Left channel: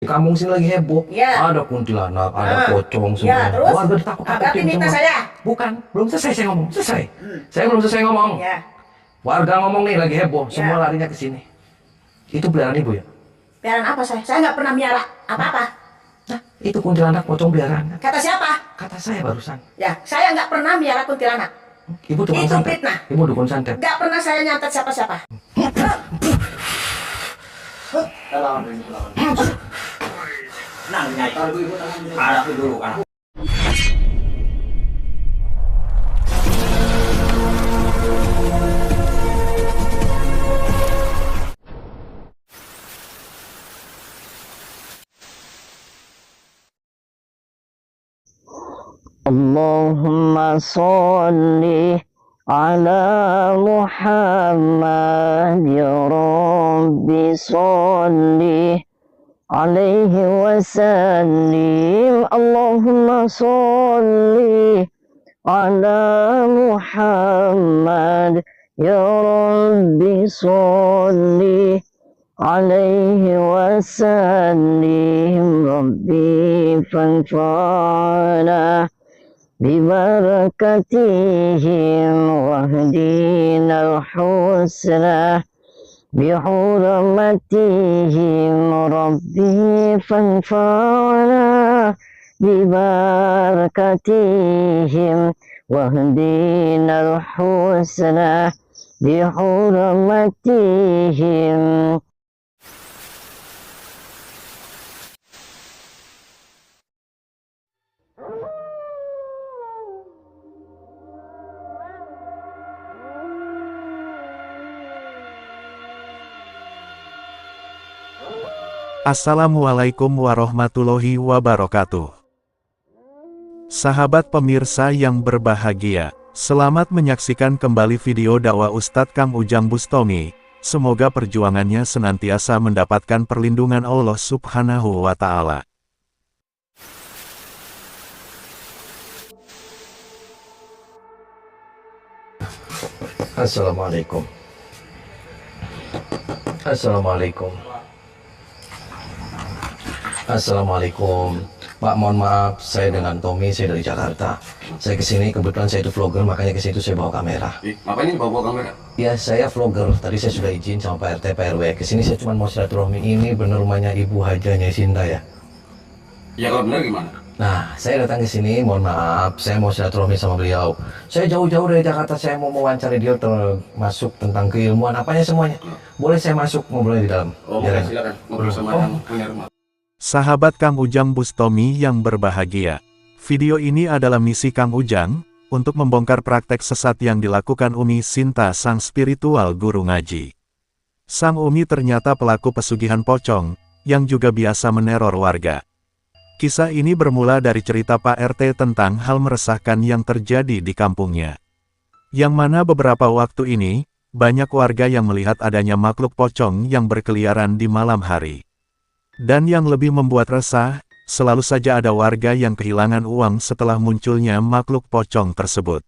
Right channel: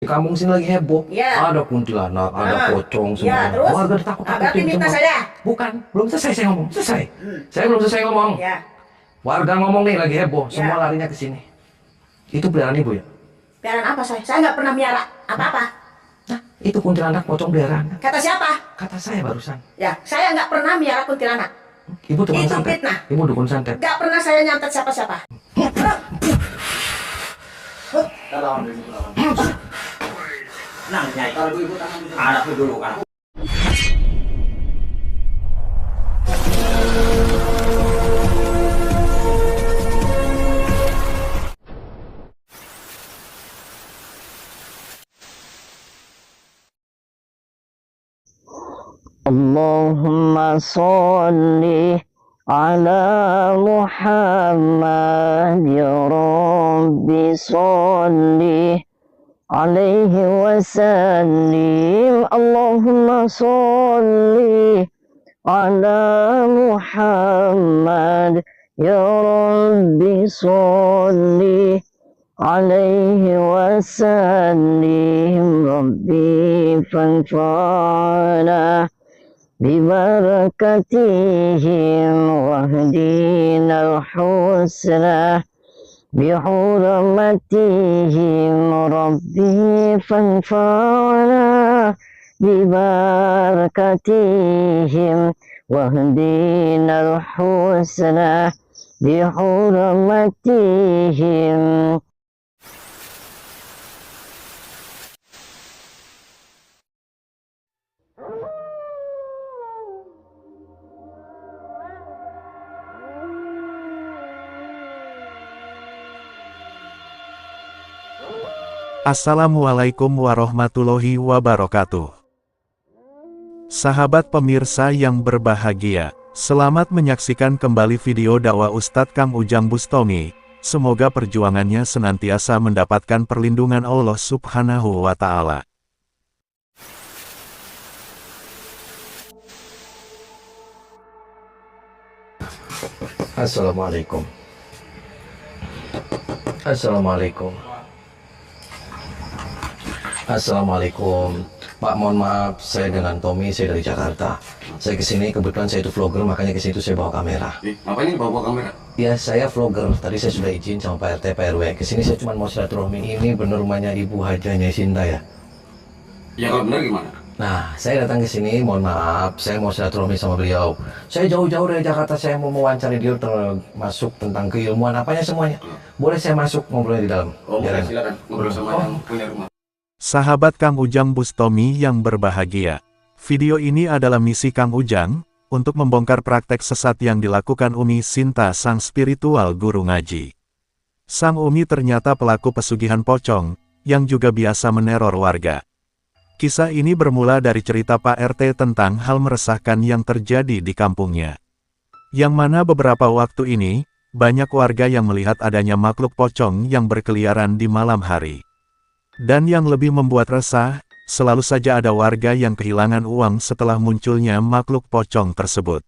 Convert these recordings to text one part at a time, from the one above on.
Di kampung sini lagi heboh. Ya. Ada kuntilanak, ada pocong Ya, semua. terus? Warga Berarti ditakut-takutin fitnah semua. saya. Bukan, belum selesai saya ngomong. Selesai. Saya belum selesai ngomong. Ya. Warga ngomong nih lagi heboh, Ya. semua larinya ke sini. Itu peliharaan ibu ya? Peliharaan apa saya? Saya nggak pernah miara apa-apa. Nah, itu kuntilanak pocong peliharaan. Kata siapa? Kata saya barusan. Ya, saya nggak pernah miara kuntilanak. Ibu dukun Itu santet. fitnah. Ibu dukun santet. Nggak pernah saya nyantet siapa-siapa. Nah, nyai kalau ibu tangan anakku dulu, anakku. Allahumma sholli ala Muhammad ya Rabbi sholli alaihi wasallim. Allahumma sholli ala Muhammad ya Rabbi sholli alaihi wasallim. Rabbi fanfa'na ببركتهم واهدنا الحسنى بحرمتهم ربي فانفعنا ببركتهم واهدنا الحسنى بحرمتهم. Assalamualaikum warahmatullahi wabarakatuh. Sahabat pemirsa yang berbahagia, selamat menyaksikan kembali video dakwah Ustadz Kang Ujang Bustami. Semoga perjuangannya senantiasa mendapatkan perlindungan Allah Subhanahu wa Ta'ala. Assalamualaikum. Assalamualaikum. Assalamualaikum. Pak, mohon maaf, saya dengan Tommy, saya dari Jakarta. Saya kesini, kebetulan saya itu vlogger, makanya kesini itu saya bawa kamera. Ngapain ini bawa kamera? Ya, saya vlogger. Tadi saya sudah izin sama Pak RT, Pak RW. Kesini saya cuma mau silaturahmi. Ini bener rumahnya Ibu Hajanya Sinta ya? Ya kalau benar gimana? Nah, saya datang ke sini, mohon maaf, saya mau silaturahmi sama beliau. Saya jauh-jauh dari Jakarta, saya mau mewawancari dia termasuk tentang keilmuan, apanya semuanya. Boleh saya masuk ngobrolnya di dalam? Oh, Jalan. silakan ngobrol sama yang punya rumah. Sahabat Kang Ujang Bustami yang berbahagia, video ini adalah misi Kang Ujang, untuk membongkar praktek sesat yang dilakukan Umi Sinta sang spiritual guru ngaji. Sang Umi ternyata pelaku pesugihan pocong, yang juga biasa meneror warga. Kisah ini bermula dari cerita Pak RT tentang hal meresahkan yang terjadi di kampungnya. Yang mana beberapa waktu ini, banyak warga yang melihat adanya makhluk pocong yang berkeliaran di malam hari. Dan yang lebih membuat resah, selalu saja ada warga yang kehilangan uang setelah munculnya makhluk pocong tersebut.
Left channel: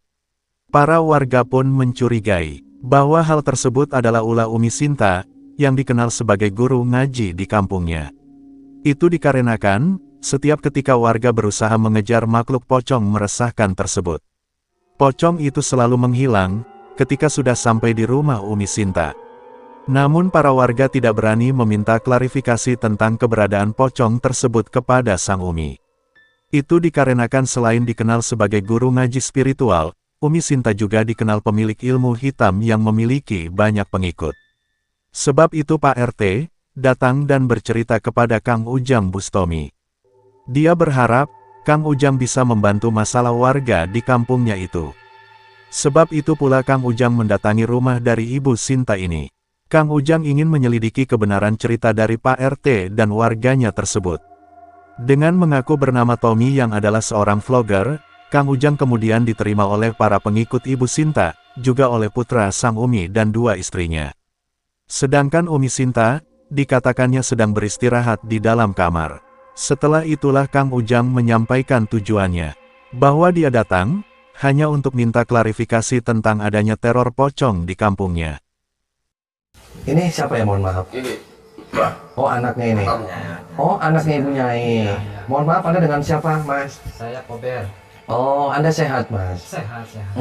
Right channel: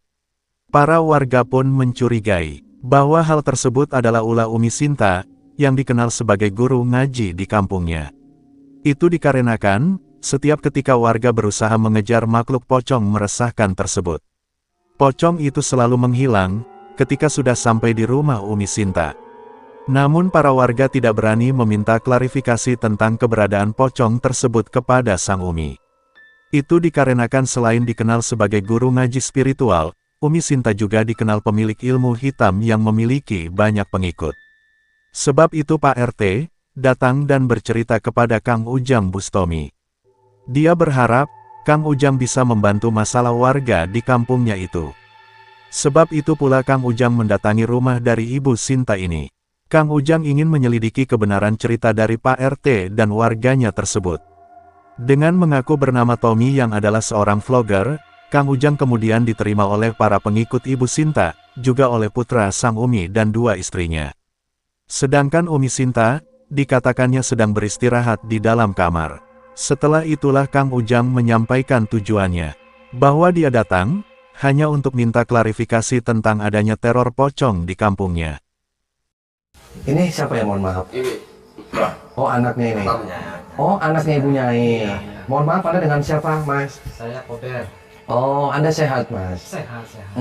Para warga pun mencurigai bahwa hal tersebut adalah ulah Umi Sinta, yang dikenal sebagai guru ngaji di kampungnya. Itu dikarenakan, setiap ketika warga berusaha mengejar makhluk pocong meresahkan tersebut, pocong itu selalu menghilang, ketika sudah sampai di rumah Umi Sinta. Namun para warga tidak berani meminta klarifikasi tentang keberadaan pocong tersebut kepada sang Umi. Itu dikarenakan selain dikenal sebagai guru ngaji spiritual, Umi Sinta juga dikenal pemilik ilmu hitam yang memiliki banyak pengikut. Sebab itu Pak RT datang dan bercerita kepada Kang Ujang Bustami. Dia berharap Kang Ujang bisa membantu masalah warga di kampungnya itu. Sebab itu pula Kang Ujang mendatangi rumah dari Ibu Sinta ini. Kang Ujang ingin menyelidiki kebenaran cerita dari Pak RT dan warganya tersebut. Dengan mengaku bernama Tommy yang adalah seorang vlogger, Kang Ujang kemudian diterima oleh para pengikut Ibu Sinta, juga oleh putra sang Umi dan dua istrinya. Sedangkan Umi Sinta, dikatakannya sedang beristirahat di dalam kamar. Setelah itulah Kang Ujang menyampaikan tujuannya, bahwa dia datang, hanya untuk minta klarifikasi tentang adanya teror pocong di kampungnya. Ini siapa ya, mohon maaf? Ini Bah, Oh, anaknya ini. kamunya. Oh, anaknya Ibu Nyai. Mohon maaf, Anda dengan siapa, Mas? Saya Kober. Oh, Anda sehat, Mas? Sehat, sehat.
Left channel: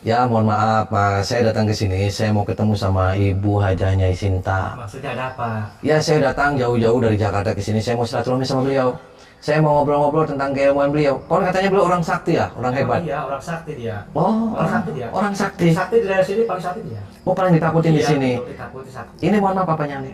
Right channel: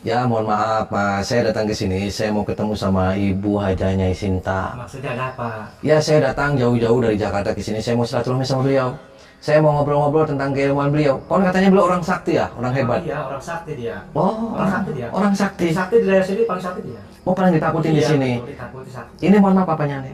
Ya, mohon maaf, Mas. Saya datang ke sini, saya mau ketemu sama Ibu Haja Nyai Sinta. Maksudnya ada apa? Ya, saya datang jauh-jauh dari Jakarta ke sini. Saya mau silaturahmi sama beliau. Saya mau ngobrol-ngobrol tentang keilmuan beliau. Kon katanya beliau orang sakti ya, orang hebat. Iya, orang sakti dia. Oh, Orang sakti dia. Orang sakti. Sakti di daerah sini paling sakti dia. Oh, paling ditakutin di Iya, sini. betul, ditakuti sakti. Ini mohon maaf apanya nih?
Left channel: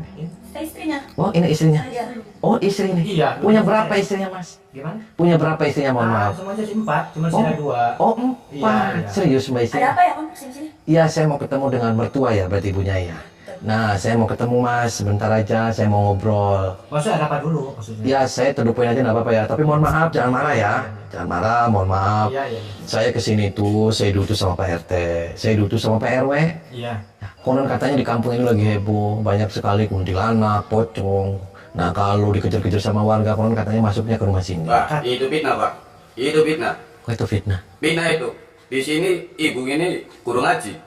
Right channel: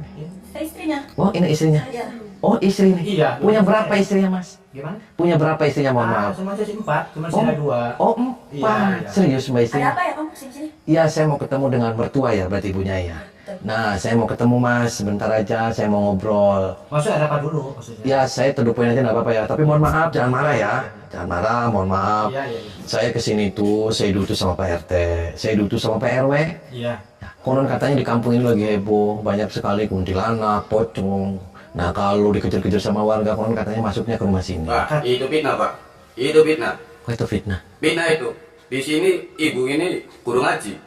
Saya istrinya. Oh, ini istrinya. Iya. Oh, istri nih. Iya, Punya dulu berapa saya. istrinya, Mas? Gimana? Punya berapa istrinya, mohon maaf? Semuanya sih 4, cuma Oh. sisa 2. Oh, Iya, 4. iya. Serius Mbak Ada istrinya? apa ya kamu kesini? Iya, saya mau ketemu dengan mertua ya, berarti ibunya ya. Nah, saya mau ketemu Mas, sebentar aja, saya mau ngobrol. Maksudnya ada apa dulu maksudnya? Ya, saya to the point aja nggak apa-apa ya. Tapi mohon maaf, jangan marah ya. Jangan marah, mohon maaf. Iya, iya, iya. Saya kesini tuh, saya diutus sama Pak RT, saya diutus sama Pak RW. Iya. Ya, konon katanya di kampung ini lagi heboh, banyak sekali kuntilanak, pocong. Nah, kalau dikejar-kejar sama warga, konon katanya masuknya ke rumah sini. Pak, itu fitnah, Pak. Itu fitnah. Kok itu fitnah? Fitnah itu. Di sini ibu ini guru ngaji.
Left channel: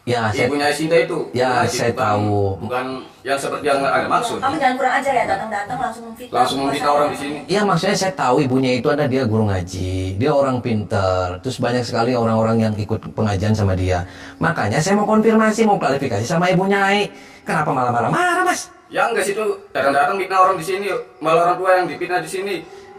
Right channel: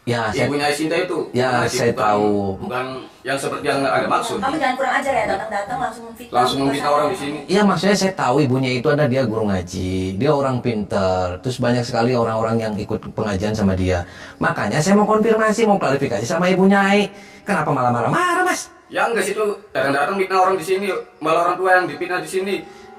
Ya, saya Ibunya Sinta itu. Ya, ngaji, saya tahu. Bukan yang seperti yang Anda maksud. Kamu jangan kurang ajar ya, datang-datang langsung memfitnah. Langsung memfitnah orang di sini. Iya, maksudnya saya tahu ibunya itu ada dia guru ngaji, dia orang pinter, terus banyak sekali orang-orang yang ikut pengajian sama dia. Makanya saya mau konfirmasi, mau klarifikasi sama ibu Nyai. Kenapa malah marah-marah, Mas? Ya enggak situ datang-datang fitnah orang di sini, malah orang tua yang difitnah di sini.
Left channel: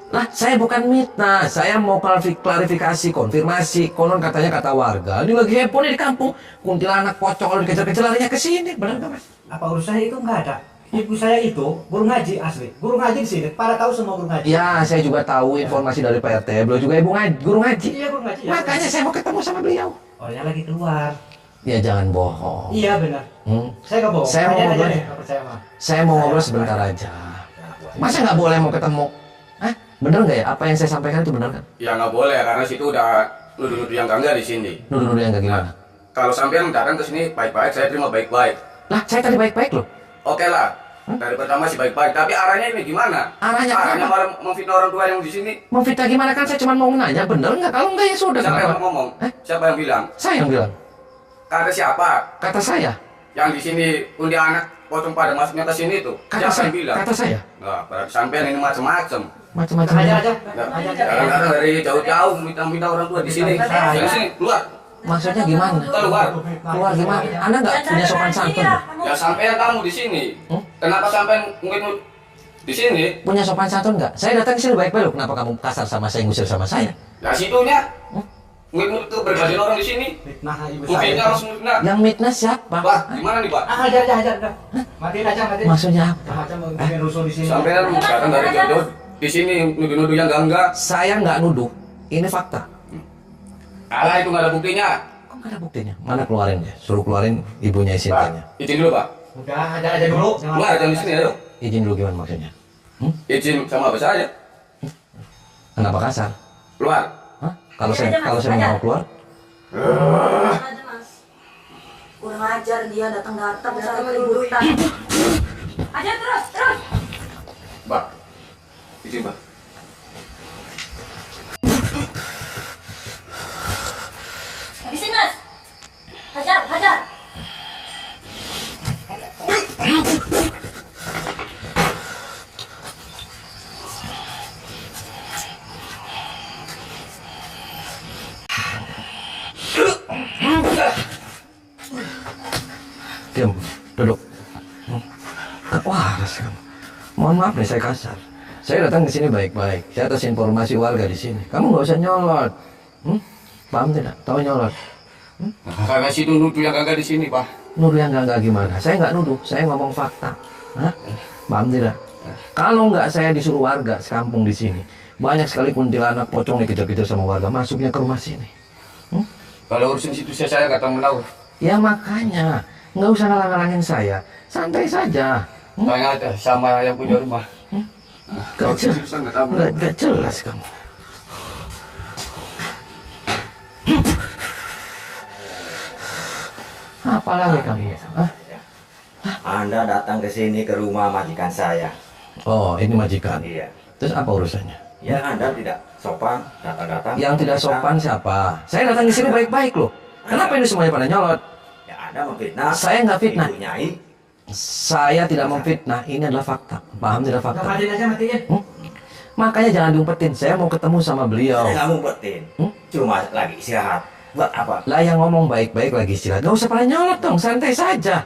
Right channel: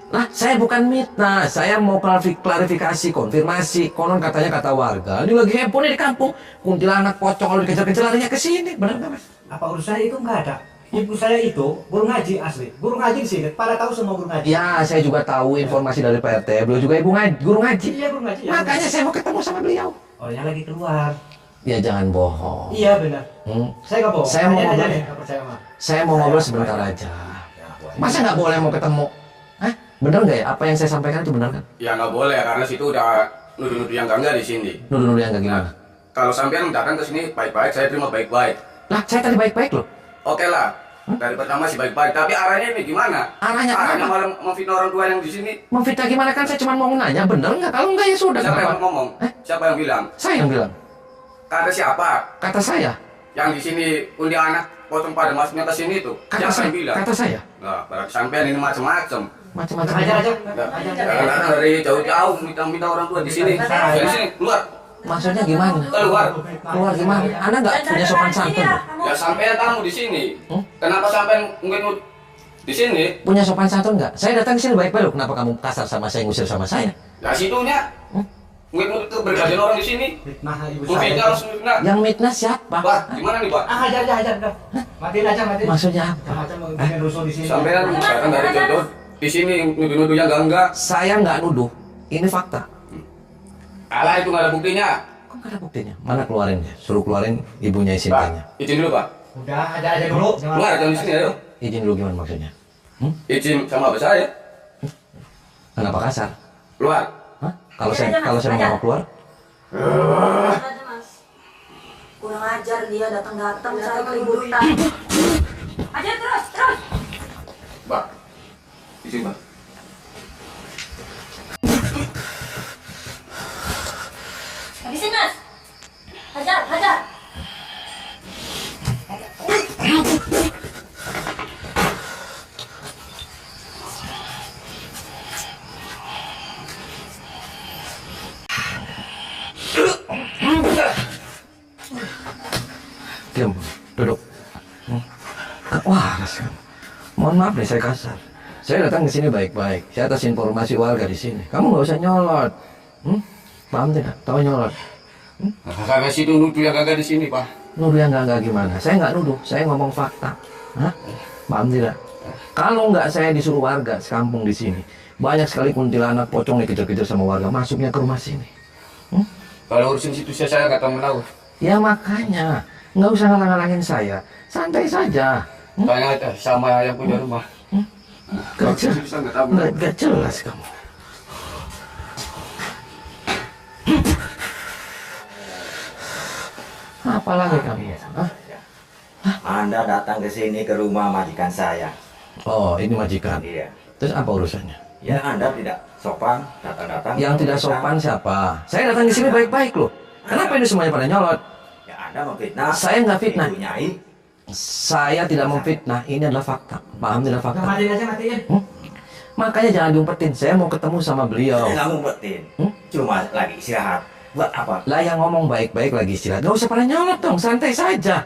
Lah, saya bukan mitnah, saya mau klarifikasi, konfirmasi. Konon katanya kata warga, ini lagi heboh nih di kampung. Kuntilanak, pocong, kalau dikejar-kejar larinya ke sini, benar nggak, Mas? Apa urusannya itu enggak ada? Ibu saya itu guru ngaji asli. Guru ngaji di sini. Pada tahu semua guru ngaji. Ya, saya juga tahu informasi dari Pak RT, beliau juga guru ngaji. Iya, guru ngaji. Ya, Makanya saya mau ketemu sama beliau. orangnya lagi keluar. Ya, jangan bohong. Iya, benar. Saya nggak bohong. Saya mau Tanya aja ngobrol. nih, nggak percaya mah. Saya mau ngobrol sebentar aja. Masa nggak boleh mau ketemu? Hah? Bener nggak ya? Apa yang saya sampaikan itu bener kan? Ya nggak boleh karena situ udah nuduh-nuduh yang enggak di sini. Nuduh-nuduh yang nggak gimana? Kalau sampean datang ke sini baik-baik, saya terima baik-baik. Lah, saya tadi baik-baik loh. Oke lah. Dari pertama sih baik-baik, tapi arahnya ini gimana? Arahnya Arahnya kenapa? malah memfitnah orang tua yang di sini. Mau fitnah gimana kan? Saya cuma mau nanya, bener nggak? Kalau nggak ya sudah. Siapa yang Kenapa? ngomong? Siapa yang bilang? Saya yang bilang. Kata siapa? Kata saya. Yang di sini undi anak pocong pada masuknya ke sini tuh. Kata Siapa saya. yang bilang? Kata saya. Nah, berarti sampean ini macam-macam. Macam-macam. Ajar aja. Nggak, Ajar aja. kadang-kadang dari jauh-jauh minta-minta orang tua di sini. Saya. Dari sini keluar. Maksudnya gimana? Keluar. Keluar gimana? Anda nggak punya sopan santun? Ya sampean tamu di sini. Kenapa sampean ngikut di sini? Punya sopan santun nggak? Saya datang ke sini baik-baik loh. Kenapa kamu kasar sama saya, ngusir sama saya? Ya situnya. Ngikut keberkasihan orang di sini. Fitnah ibu Fitnah saya. langsung fitnah. Yang mitnah siapa? Pak, gimana nih, Pak? Ajar aja, ajar udah. Matiin aja, matiin. Maksudnya apa? Macam-macam mau bikin rusuh di sini. Sampean datang dari jauh-jauh di sini nuduh-nuduh yang enggak. Saya nggak nuduh. Ini fakta. Alah itu nggak ada buktinya. Kok nggak ada buktinya? Mana keluarin ya? Suruh keluarin ibunya Sintanya. Pak, izin dulu, Pak. Udah, ajar aja dulu. Keluar jangan di sini ayo. Izin dulu gimana maksudnya? Izin sama apa saya? Kenapa kasar? Keluar. Hah? Kalau Ajar saya aja, Mas. kalau saya Ajar. mau keluar, Aja, Mas. Kurang ajar dia datang-datang cari keributan. Ajar terus, terus. Pak. Izin, Pak. Habisin, Mas. Hajar, hajar. diam, duduk. Wah, kan. Mohon maaf nih saya kasar. Saya datang ke sini baik-baik. Saya atas informasi warga di sini. Kamu nggak usah nyolot. Paham tidak? Tahu nyolot? Karena situ nuduh yang enggak di sini, Pak. Nuduh yang nggak gimana? Saya nggak nuduh. Saya ngomong fakta. Hah? Paham tidak? Kalau nggak saya disuruh warga sekampung di sini, banyak sekali kuntilanak pocong dikejar-kejar sama warga masuknya ke rumah sini. Kalau urusin situ saya nggak tahu menahu. Ya makanya nggak usah ngalang-ngalangin saya. Santai saja. Tanya aja sama yang punya rumah. Gak, Kalau situ saya nggak tahu. gak jelas kamu. Apalagi kamu? Hah? Anda datang ke sini ke rumah majikan saya. Oh, ini majikan. Iya. Terus apa urusannya? Ya, Anda tidak sopan datang-datang. Yang tidak sopan siapa? Saya datang ke sini baik-baik loh. Kenapa ini semuanya pada nyolot? Ya, Anda memfitnah. Saya nggak fitnah. Ibu Nyai. Saya tidak memfitnah, ini adalah fakta. Paham tidak Udah fakta? matiin aja, matiin. Makanya jangan diumpetin, saya mau ketemu sama beliau. Saya nggak ngumpetin. Cuma lagi istirahat. Buat apa? Lah yang ngomong baik-baik lagi istirahat, nggak usah pada nyolot dong, santai saja.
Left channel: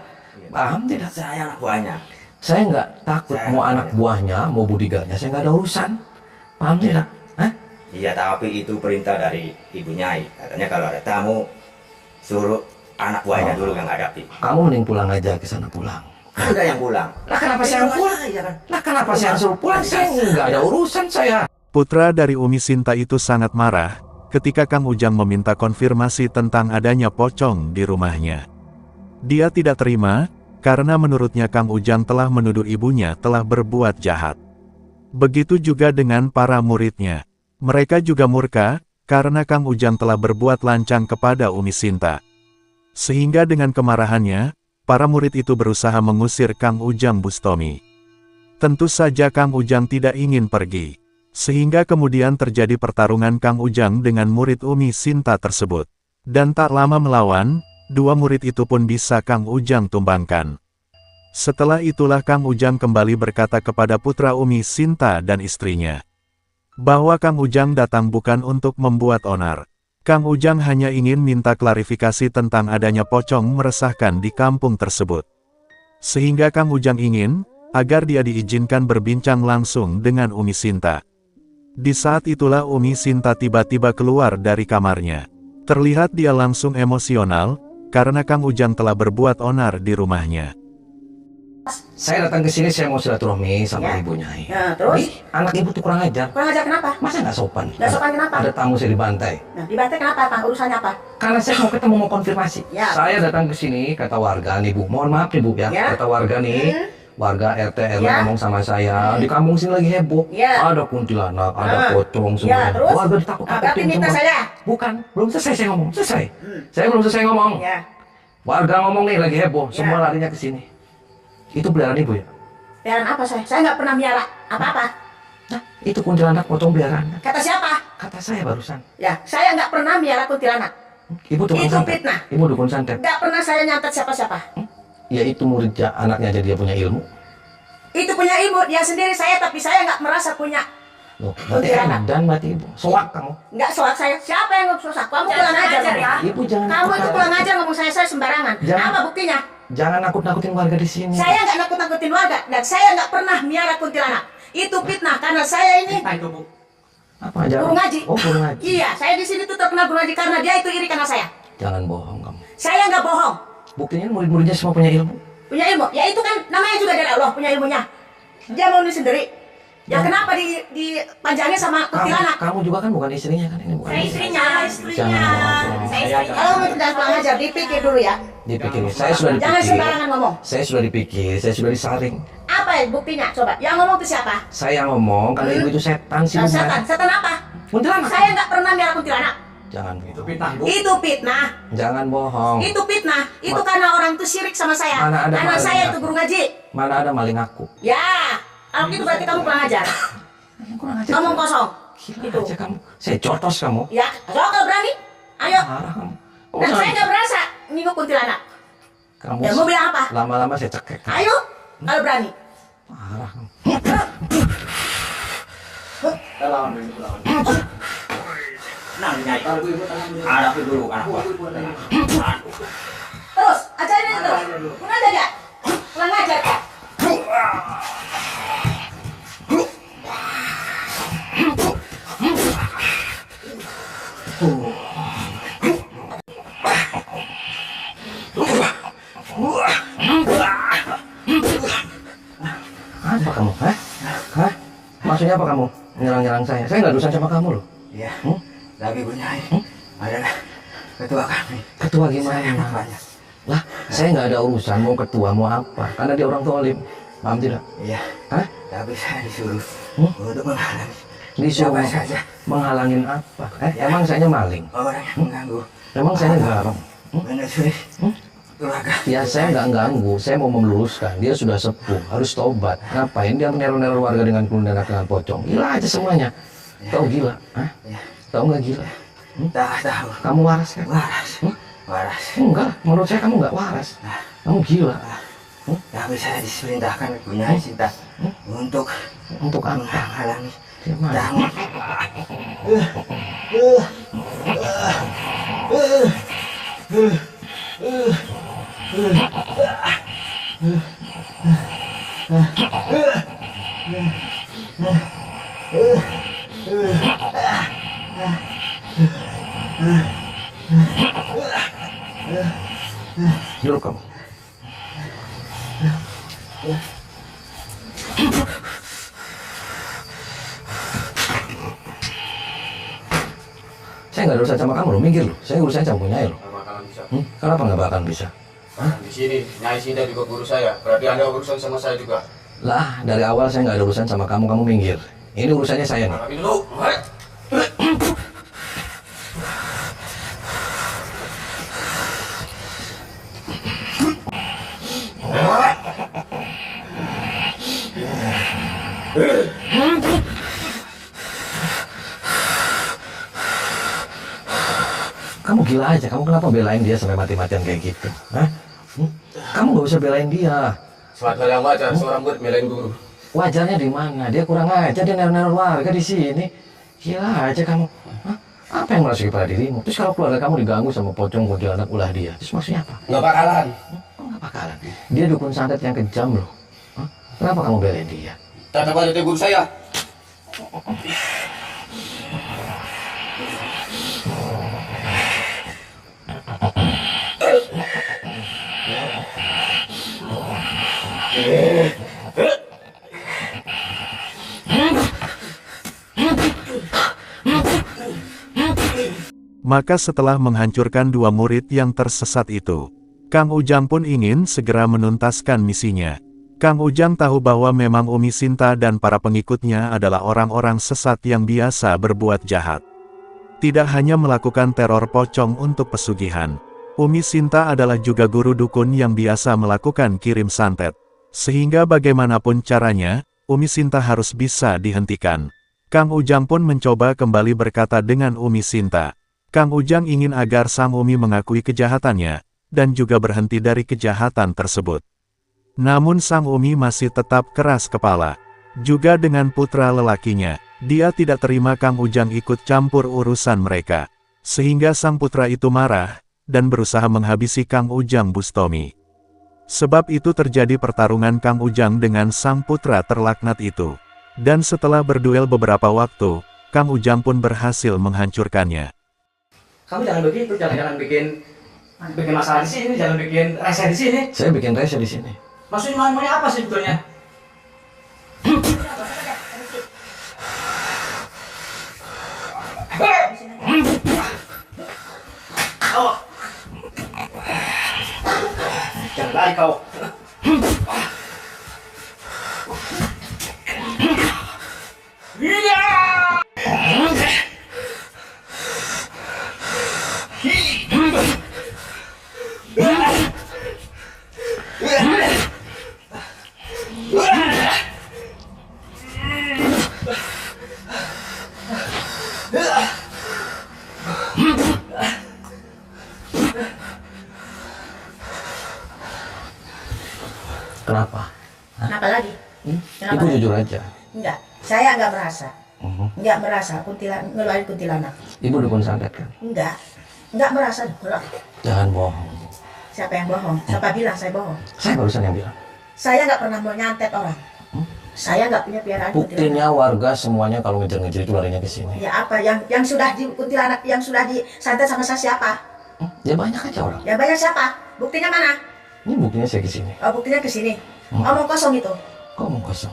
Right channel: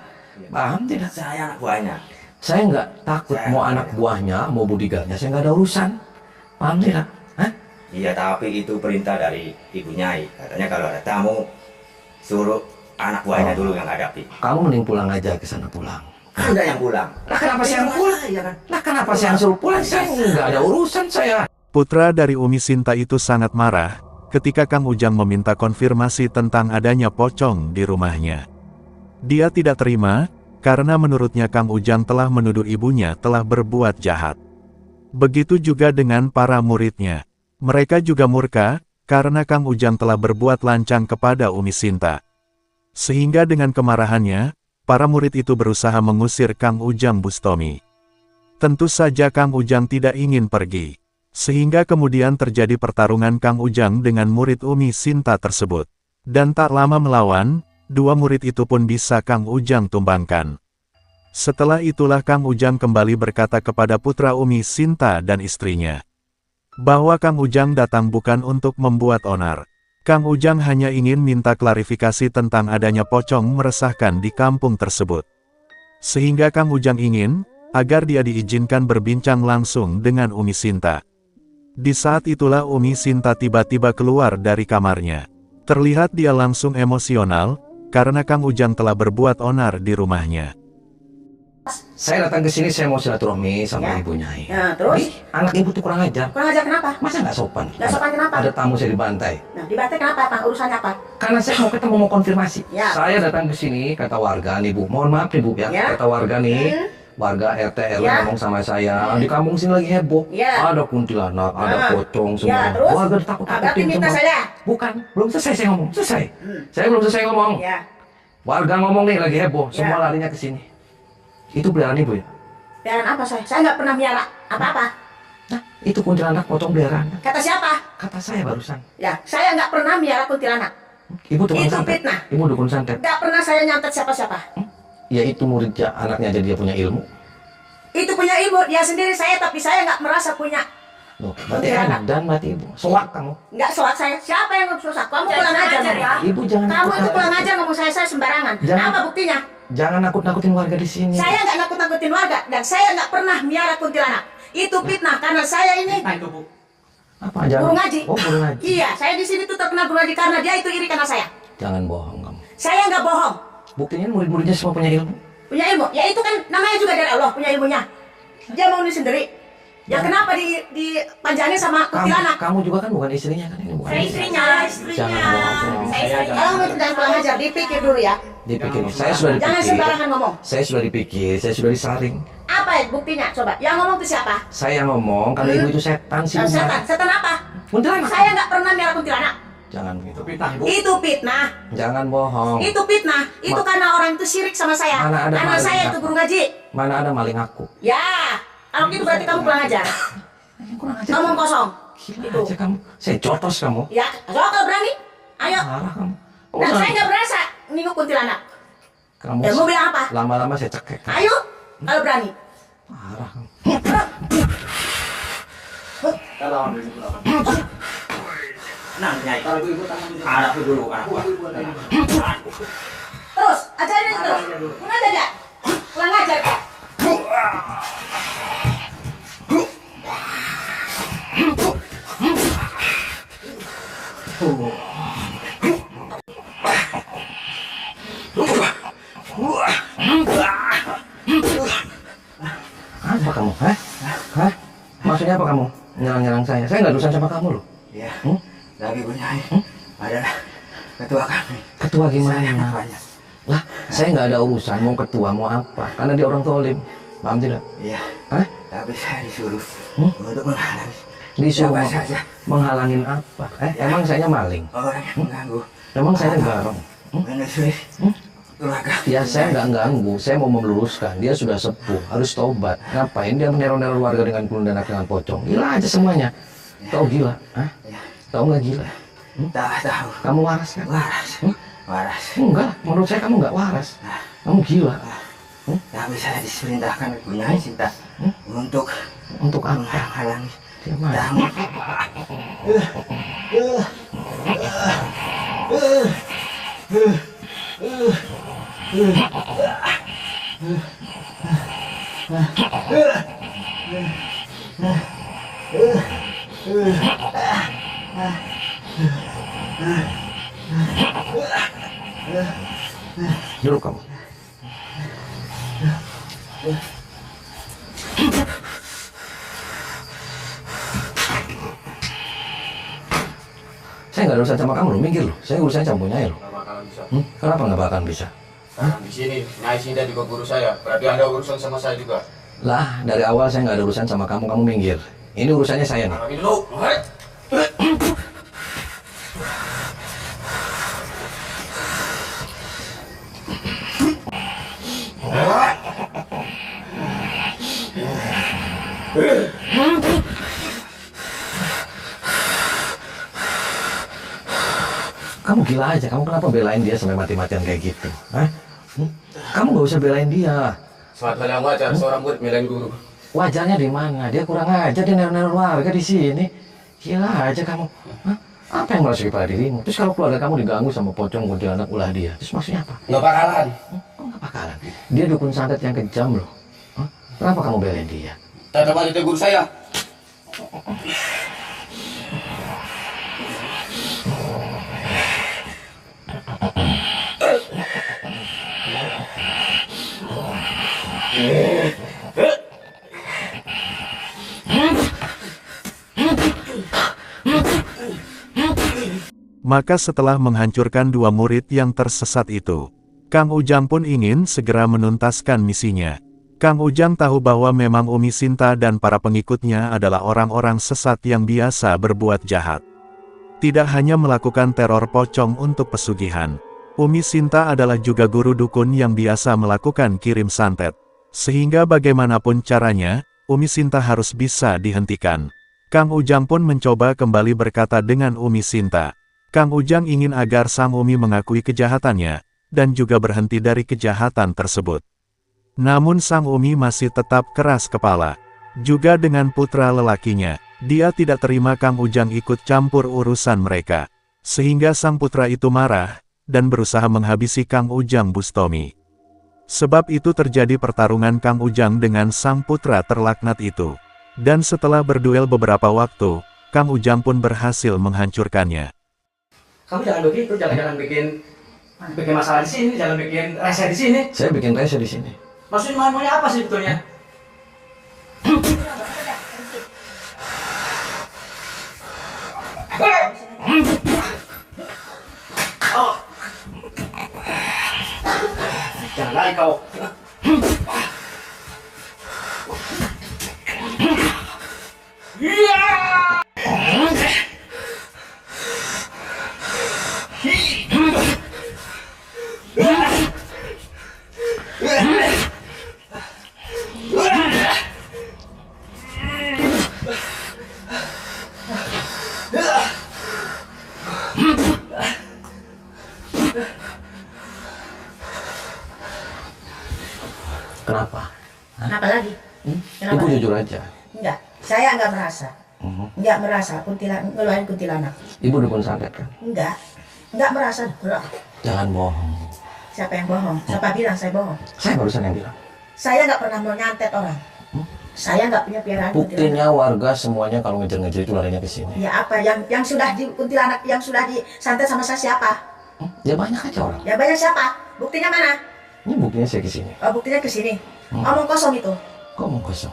Paham tidak? Saya anak buahnya. Saya nggak takut mau anak buahnya, mau budigalnya, saya nggak ada urusan. Paham tidak? Hah? Iya, tapi itu perintah dari Ibu Nyai. Katanya kalau ada tamu, suruh anak buahnya dulu yang hadapi. Kamu mending pulang aja ke sana pulang. Anda yang pulang. Lah kenapa saya yang pulang? Iya kan? Lah kenapa saya yang suruh pulang? Saya nggak ada urusan saya. Putra dari Umi Sinta itu sangat marah ketika Kang Ujang meminta konfirmasi tentang adanya pocong di rumahnya. Dia tidak terima, karena menurutnya Kang Ujang telah menuduh ibunya telah berbuat jahat. Begitu juga dengan para muridnya. Mereka juga murka, karena Kang Ujang telah berbuat lancang kepada Umi Sinta. Sehingga dengan kemarahannya, para murid itu berusaha mengusir Kang Ujang Bustomi. Tentu saja Kang Ujang tidak ingin pergi. Sehingga kemudian terjadi pertarungan Kang Ujang dengan murid Umi Sinta tersebut. Dan tak lama melawan, dua murid itu pun bisa Kang Ujang tumbangkan. Setelah itulah Kang Ujang kembali berkata kepada putra Umi Sinta dan istrinya, bahwa Kang Ujang datang bukan untuk membuat onar. Kang Ujang hanya ingin minta klarifikasi tentang adanya pocong meresahkan di kampung tersebut. Sehingga Kang Ujang ingin, agar dia diizinkan berbincang langsung dengan Umi Sinta. Di saat itulah Umi Sinta tiba-tiba keluar dari kamarnya. Terlihat dia langsung emosional, karena Kang Ujang telah berbuat onar di rumahnya. Saya datang ke sini, saya mau silaturahmi sama ibunya. Ya, terus? Ih, anak ibu tuh kurang ajar. Kurang ajar kenapa? Masa nggak sopan? Nggak sopan kenapa? Ada tamu saya dibantai. Nah, dibantai kenapa, Pak? Urusannya apa? Karena saya mau ketemu, mau konfirmasi. Ya. Saya datang ke sini, kata warga nih Bu. Mohon maaf nih Bu ya. Ya. Kata warga nih, warga RT RW Ya. ngomong sama saya. Di kampung sini lagi heboh. Ya. Ada kuntilanak, ada pocong semua. Ya, terus? Warga Berarti ditakut-takutin minta semua. saya? Bukan, belum selesai saya ngomong. Selesai. Saya belum selesai ngomong. Ya. Warga ngomong nih lagi heboh, Ya. semua larinya ke sini. Itu peliharaan Ibu ya? Peliharaan apa saya? Saya nggak pernah miara apa-apa. Nah, itu kuntilanak pocong peliharaan. Kata siapa? Kata saya barusan. Ya, saya nggak pernah miara kuntilanak. Ibu tukang Itu santet. fitnah. Ibu dukun santet. Nggak pernah saya nyantet siapa-siapa. Ya itu murid anaknya aja dia punya ilmu. Itu punya ilmu dia sendiri saya, tapi saya nggak merasa punya. Loh, berarti Kuntilanak. dan mati Ibu. Soak kamu. Nggak soal saya. Siapa yang ngomong soal? Kamu kurang ajar ya. Ibu jangan Kamu itu nakut-nakutin. kurang ajar ngomong saya sembarangan. Jangan. Apa buktinya? Jangan nakut-nakutin warga di sini. Saya nggak nakut-nakutin warga dan saya nggak pernah miara kuntilanak. Itu fitnah karena saya ini Nah itu Bu. Apa? Jangan. guru ngaji. Oh, guru ngaji. Iya, saya di sini tuh terkenal guru ngaji karena dia itu iri karena saya. Jangan bohong kamu. Saya nggak bohong. Buktinya murid-muridnya semua punya ilmu. Punya ilmu. Ya itu kan namanya juga dari Allah punya ilmunya. Dia mau ini sendiri. Ya kenapa dipanjangin sama kuntilanak? Kamu juga kan bukan istrinya kan ini bukan. Saya istrinya. Jangan bohong. Kalau kamu itu jangan kurang ajar, dipikir dulu ya. Dipikir. Saya sudah dipikir. Jangan sembarangan ngomong. Saya sudah dipikir. Saya sudah disaring. Apa ya buktinya? Coba. Yang ngomong itu siapa? Saya ngomong karena ibu itu setan sih. Setan. Setan apa? Kuntilanak. Saya nggak pernah miara kuntilanak. Jangan begitu. Fitnah Ibu. Itu fitnah. Jangan bohong. Itu fitnah. Itu karena orang itu syirik sama saya. Mana ada Karena maling saya aku. itu guru ngaji. Mana ada maling aku. Ya. Kalau gitu berarti kamu kurang ajar. Kurang aja. Ngomong kosong. Gila Itu. aja kamu. Saya jotos kamu. Ya, soal kalau berani. Ayo. Marah kamu. Oh, Dan jangan. saya nggak berasa ninguk kuntilanak. Kamu Ya, mau bilang apa? lama-lama saya cekek. Ayo. Kalau berani. Parah kamu. Kita lawan dulu Ibu lawan. Nah, Nyai. Taruh Ibu tangan dulu. Hadapi dulu anak buah. Tenang. Terus, ajarin aja terus. Pun aja dia. Kurang ajar Pak. Apa kamu? Hah? Hah? Maksudnya apa kamu? Nyerang-nyerang saya? Saya nggak urusan sama kamu loh. Iya. Tapi Bu Nyai adalah ketua kami. Ketua Saya gimana? namanya. Lah, saya nggak ada urusan mau ketua mau apa. Karena dia orang tolim. Paham tidak? Iya. Hah? Tapi saya disuruh untuk menghalangi Disuruh siapa saja menghalangin apa? Emang saya maling? orang yang mengganggu Emang saya garong? menyusui keluarga. Ya saya nggak ganggu, saya mau meluruskan. Dia sudah sepuh, harus tobat. Ngapain dia meneror-neror warga dengan kuntilanak dengan pocong? Gila aja semuanya. Tahu gila? Hah? Ya. Tahu nggak gila? Tak tahu. Kamu waras kan? Waras. Waras. Enggak, menurut saya kamu nggak waras. Kamu gila. Tapi saya diperintahkan Ibu Nyai Sinta untuk Untuk apa? menghalangi Di mana? tamu. Duduk kamu. Saya nggak ada urusan sama kamu loh, minggir loh. Saya urusan sama punya loh. Nggak bakalan bisa. Kenapa nggak bakalan bisa? Di sini Nyai Sinta juga guru saya. Berarti Anda urusan sama saya juga. Lah, dari awal saya nggak ada urusan sama kamu, kamu minggir. Ini urusannya saya nih. Tapi dulu. Hai. Kamu gila aja, kamu kenapa belain dia sampai mati-matian kayak gitu? Hah? Kamu nggak usah belain dia. Suatu hal yang wajar seorang murid belain guru. Wajarnya di mana? Dia kurang aja, dia neror-neror warga di sini. Gila aja kamu. Hah? Apa yang merasuki pada dirimu? Terus kalau keluarga kamu diganggu sama pocong kuntilanak ulah dia, terus maksudnya apa? Nggak bakalan. Kok nggak bakalan? Dia dukun santet yang kejam loh. Hah? Kenapa kamu belain dia? Tetap aja dia guru saya. Maka setelah menghancurkan dua murid yang tersesat itu, Kang Ujang pun ingin segera menuntaskan misinya. Kang Ujang tahu bahwa memang Umi Sinta dan para pengikutnya adalah orang-orang sesat yang biasa berbuat jahat. Tidak hanya melakukan teror pocong untuk pesugihan, Umi Sinta adalah juga guru dukun yang biasa melakukan kirim santet. Sehingga bagaimanapun caranya, Umi Sinta harus bisa dihentikan. Kang Ujang pun mencoba kembali berkata dengan Umi Sinta. Kang Ujang ingin agar sang Umi mengakui kejahatannya, dan juga berhenti dari kejahatan tersebut. Namun sang Umi masih tetap keras kepala. Juga dengan putra lelakinya, dia tidak terima Kang Ujang ikut campur urusan mereka. Sehingga sang putra itu marah, dan berusaha menghabisi Kang Ujang Bustomi. Sebab itu terjadi pertarungan Kang Ujang dengan sang putra terlaknat itu. Dan setelah berduel beberapa waktu, Kang Ujang pun berhasil menghancurkannya. Kamu jangan begitu, jangan bikin masalah di sini, jangan bikin rese di sini. Saya bikin rese di sini. Maksudnya maunya apa sih sebetulnya? Jangan lari kau. Kenapa? Kenapa lagi? Kenapa Ibu lagi? jujur aja. Enggak, saya enggak merasa. Enggak merasa ngeluarin kuntilanak. Ibu dukun santet kan? Enggak merasa. Kalau Jangan bohong. siapa yang bohong? Siapa bilang saya bohong? Saya barusan yang bilang. Saya nggak pernah mau nyantet orang. Saya nggak punya piaraan kuntilanak. Buktinya warga semuanya kalau ngejar-ngejar itu larinya ke sini. Ya apa? Yang sudah di kuntilanak, yang sudah disantet sama saya siapa? Ya banyak aja orang. Ya banyak siapa? Buktinya mana? Ini buktinya saya ke sini. Oh, buktinya ke sini. Omong kosong itu. Kok mau kosong?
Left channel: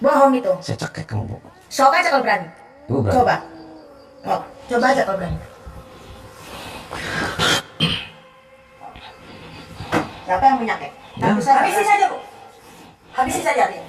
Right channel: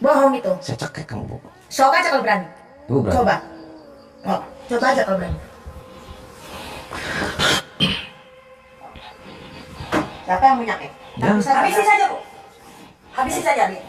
Bohong itu. Saya cekek kamu, Bu. Sok aja kalau berani. Ibu berani. Coba. Oh, coba aja kalau berani. Siapa yang menyakit? Ya. Habisin saja, Bu. Habisin saja dia.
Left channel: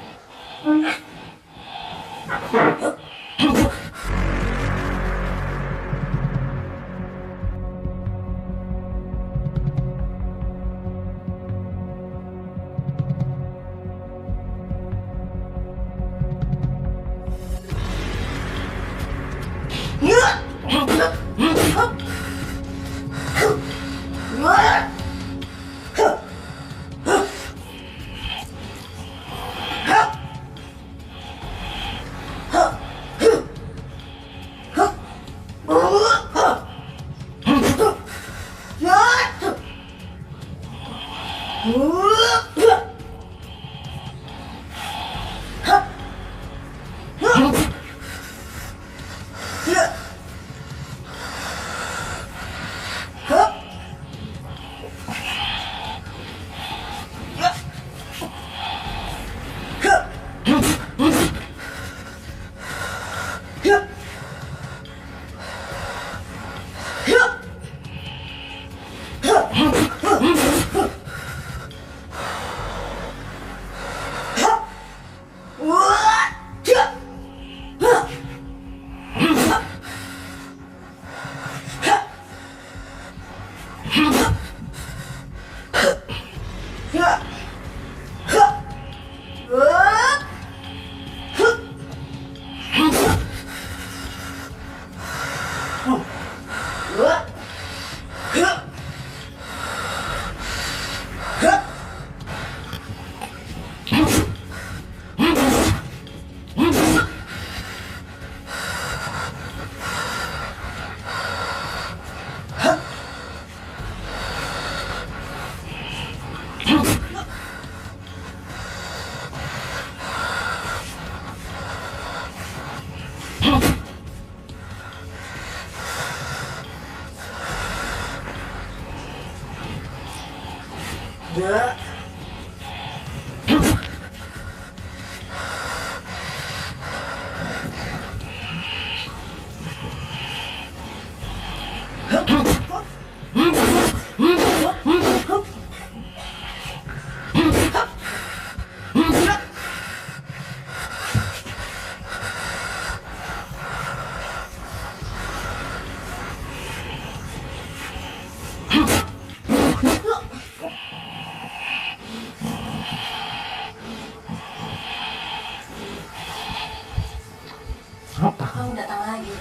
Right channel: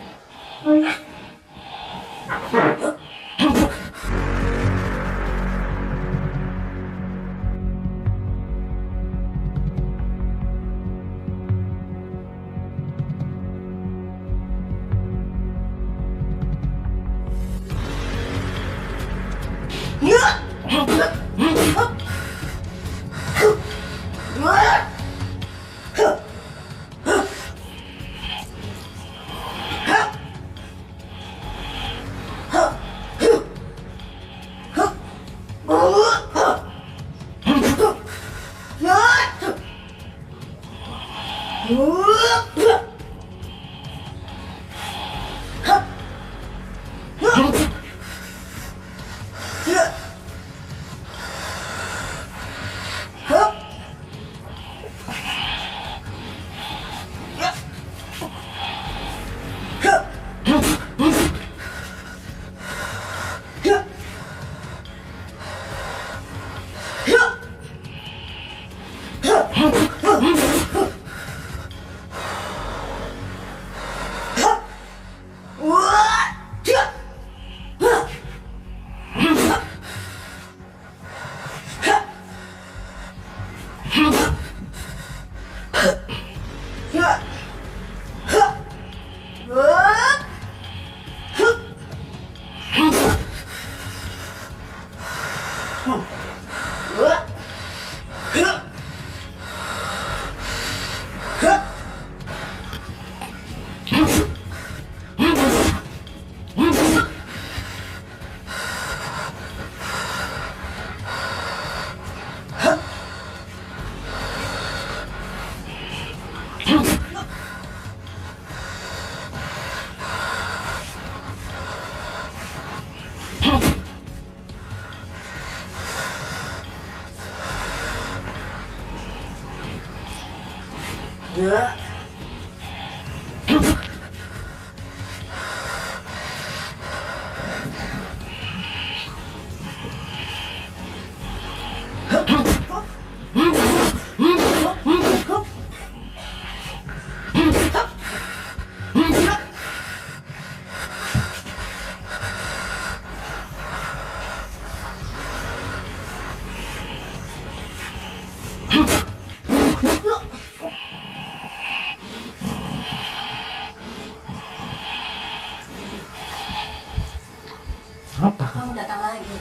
Apa? Kamu datang lagi.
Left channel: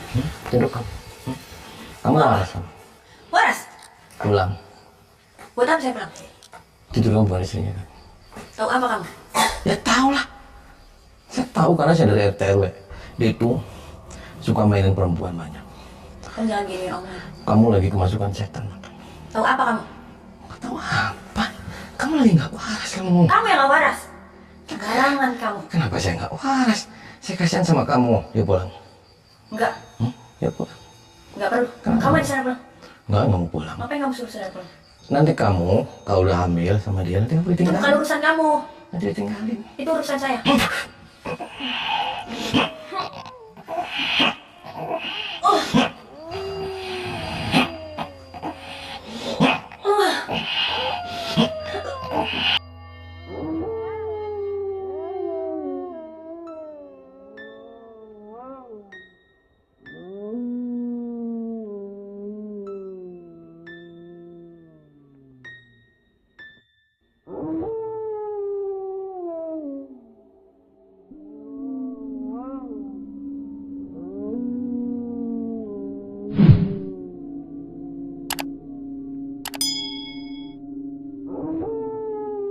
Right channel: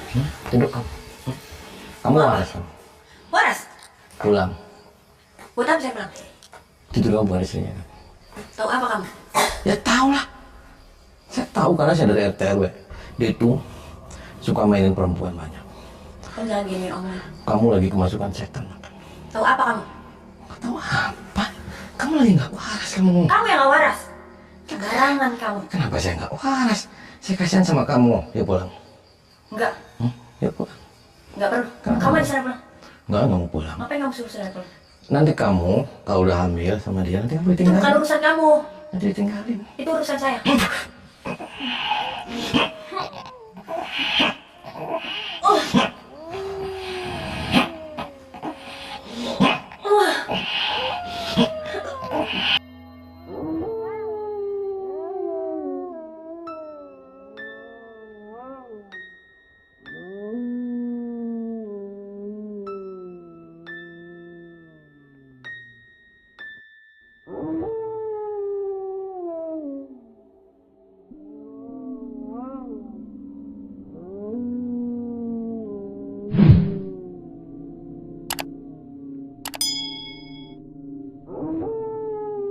Duduk kamu. Kamu waras kamu. Waras? Pulang. Buat apa saya pulang? Tidur kamu bukan istrinya. Tahu apa kamu? Ya tahu lah. Saya tahu karena saya dari RT RW. Dia itu suka mainin perempuan banyak. Kamu jangan giniin omongan. Kamu lagi kemasukan setan. Tahu apa kamu? Tahu apa? Kamu lagi nggak waras kamu. Kamu yang gak waras. Sembarangan kamu. Kenapa saya nggak waras? Saya kasihan sama kamu. Yuk pulang. Enggak, Yuk pulang. enggak perlu. Kenapa? Kamu di sana pulang. Nggak mau pulang. Ngapain kamu suruh saya pulang? Nanti kamu kalau udah hamil sama dia nanti kamu Itu bukan ditinggalin. urusan kamu. Nanti ditinggalin. Itu urusan saya.